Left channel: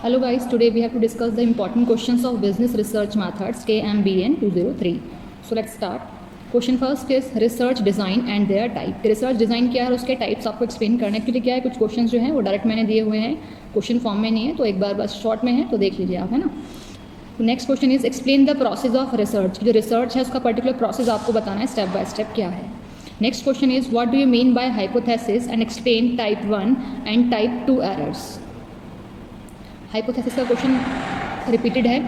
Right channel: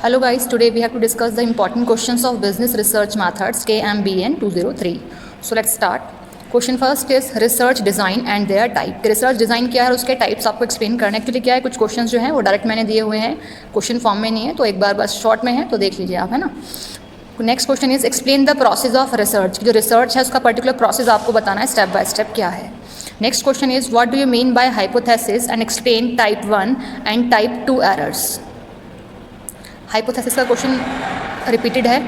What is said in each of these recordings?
Hello guys, today we have to discuss the important questions of business research methods KMBN 203. So let's start. Question first is research design and their type. Research design क्या है और उसके types आपको explain करना है. Actually क्या है, कुछ क्वेश्चंस जो हैं वो डायरेक्ट मैंने दिए हुए हैं, क्वेश्चन फॉर्म में नहीं है, तो एक बार बस शॉर्ट में है तो देख लीजिए आप, है ना. Next question is explain the process of research. जो रिसर्च है उसका पर्टिकुलर प्रोसेस आपको बताना है स्टेप बाय स्टेप क्या है. Next question is what do you mean bye hypothesis and explain type 1 and type 2 errors. Hypothesis का क्वेश्चन रिपीटेड है.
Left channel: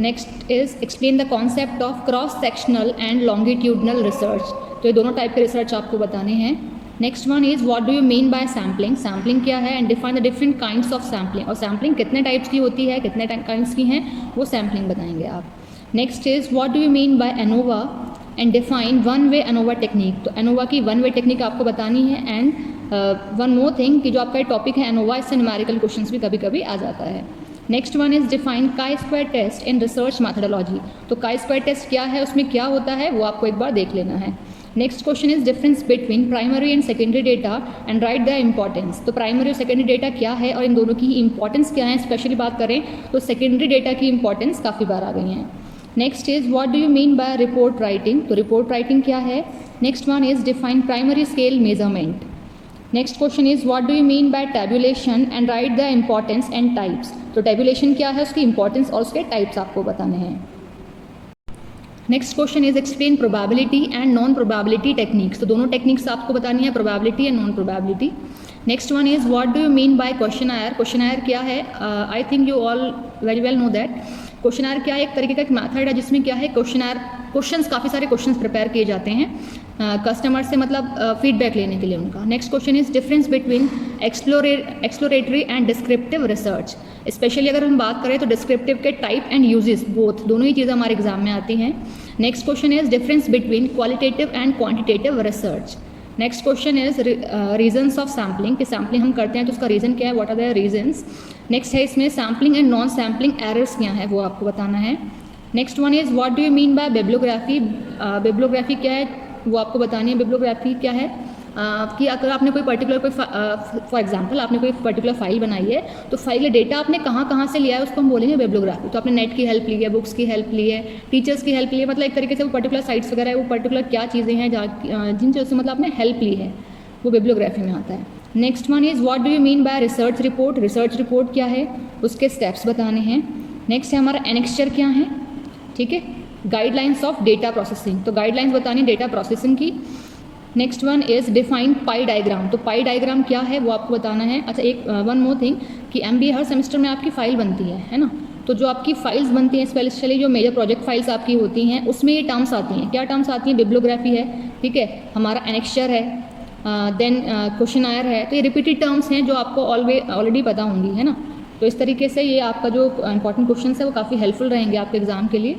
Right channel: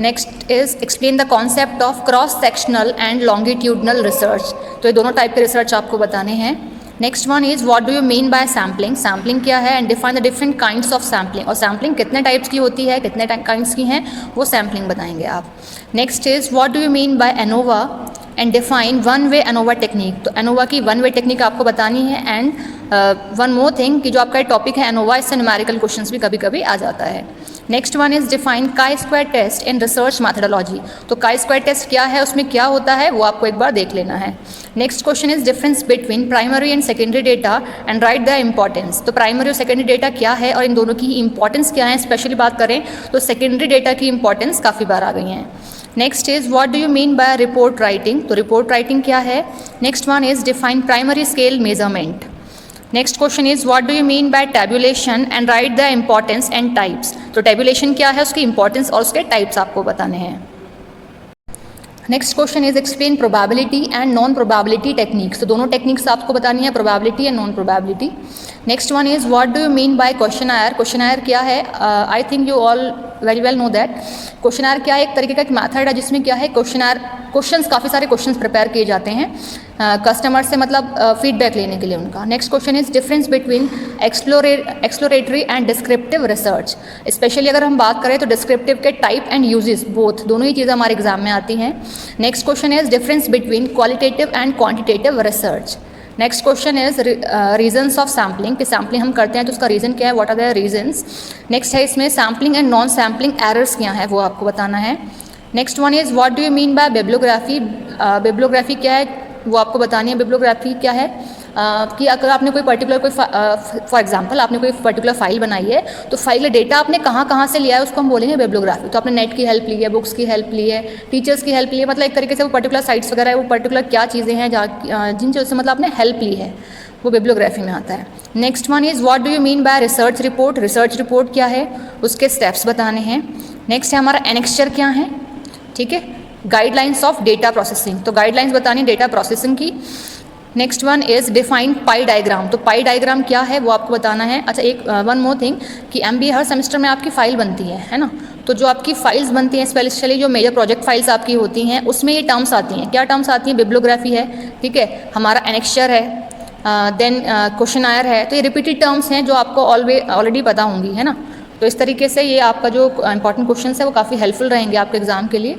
Next is explain the concept of cross sectional and longitudinal research. तो ये दोनों type के research आपको बताने हैं. Next one is what do you mean bye sampling. Sampling क्या है and define the different kinds of sampling. और सैम्पलिंग कितने टाइप्स की होती है, कितने काइंड्स की हैं, वो सैम्पलिंग बताएंगे आप. Next is what do you mean bye ANOVA and define one way ANOVA technique. तो एनोवा की वन वे टेक्निक आपको बतानी है. एंड वन मोर थिंग कि जो आपका टॉपिक है एनोवा, इससे न्यूमेरिकल क्वेश्चंस भी कभी कभी आ जाता है. Next one is define chi square test in research methodology. तो काई स्क्वायर टेस्ट क्या है, उसमें क्या होता है, वो आपको एक बार देख लेना है. Next question is difference between primary and secondary data and right the importance. तो प्राइमरी और सेकेंडरी डेटा क्या है और इन दोनों की इंपॉर्टेंस क्या है. स्पेशली बात करें तो सेकेंडरी डेटा की इंपॉर्टेंस काफ़ी बार आ गई हैं. Next is what do you mean bye report writing. तो रिपोर्ट राइटिंग क्या है. Next one is define primary scale measurement. Next question is what do you mean bye tabulation and right the importance and types. तो tabulation क्या है, उसकी importance और उसके types आपको बताने हैं. Next question is explain probability and non probability techniques. तो दोनों टेक्निक्स आपको बतानी है, probability and non probability. Next one is what do you mean by questionnaire. Questionnaire क्या है, I think you all very well know that. Questionnaire क्या है, एक तरीके का एक मेथड है जिसमें क्या है क्वेश्चनआयर क्वेश्चंस, काफ़ी सारे क्वेश्चंस प्रिपेयर किए जाते हैं कस्टमर से, मतलब फीडबैक लेने के लिए उनका. Next question is difference between exploratory and descriptive research. Specially अगर हम बात करें तो डिस्क्रिप्टिव के टाइप एंड यूजेस, बोथ, दोनों ही चीज़ें हमारे एग्जाम में आती हैं. Next question is difference between qualitative and quantitative research. Next question is reasons of sampling. कि सैम्पलिंग हम करते हैं तो उसका रीज़न क्या है, what are the reasons. Next है इसमें sampling and non sampling errors क्या है, वो आपको बताना है. Next one is what do you mean by bibliography. Bibliography क्या है, वो आपको बतानी है. बिब्लियोग्राफी क्या है कि अगर आपने कोई पर्टिकुलर कोई फॉर एग्जांपल आपने कोई पर्टिकुलर फाइल बनाई है, तो फाइल का डेटा आपने कहाँ कहाँ से लिया है उसको हम बोलेंगे बिब्लियोग्राफी. तो आपने नेट की हेल्प ली है, बुक्स की हेल्प ली है, टीचर्स की हेल्प ली है, मतलब एक तरीके से वो पर्टिकुलर साइट्स वगैरह है, वो पर्टिकुलर क्या चीज़ें हैं जिन चीज़ों से मतलब आपने हेल्प ली है, वो बिब्लियोग्राफी में आता है. Next one is what do you mean bye research report. Research report क्या है, उसके स्टेप्स बताने हैं. नेक्स्ट है हमारा एनेक्स्चर क्या है, ठीक है. Guidelines of data processing. तो गाइडलाइंस बतानी डेटा प्रोसेसिंग की. Next one is define pi diagram. तो पाई डायग्राम क्या है, वो आपको बताना है. अच्छा, एक वन मोर थिंग कि MBA हर सेमेस्टर में आपकी फ़ाइल बनती है ना. तो जो आपकी फाइल्स बनती हैं, स्पेशली जो मेजर प्रोजेक्ट फाइल्स आपकी होती हैं, उसमें ये टर्म्स आती हैं. क्या टर्म्स आती हैं, बिब्लियोग्राफी है, ठीक है, हमारा एनेक्स्चर है, देन क्वेश्चनआयर है. तो ये रिपीटेड टर्म्स हैं जो आपको ऑलरेडी पता होंगी, है ना. तो इस तरीके से ये आपका जो इंपॉर्टेंट क्वेश्चन है वो काफ़ी हेल्पफुल रहेंगे आपके एग्जाम के लिए.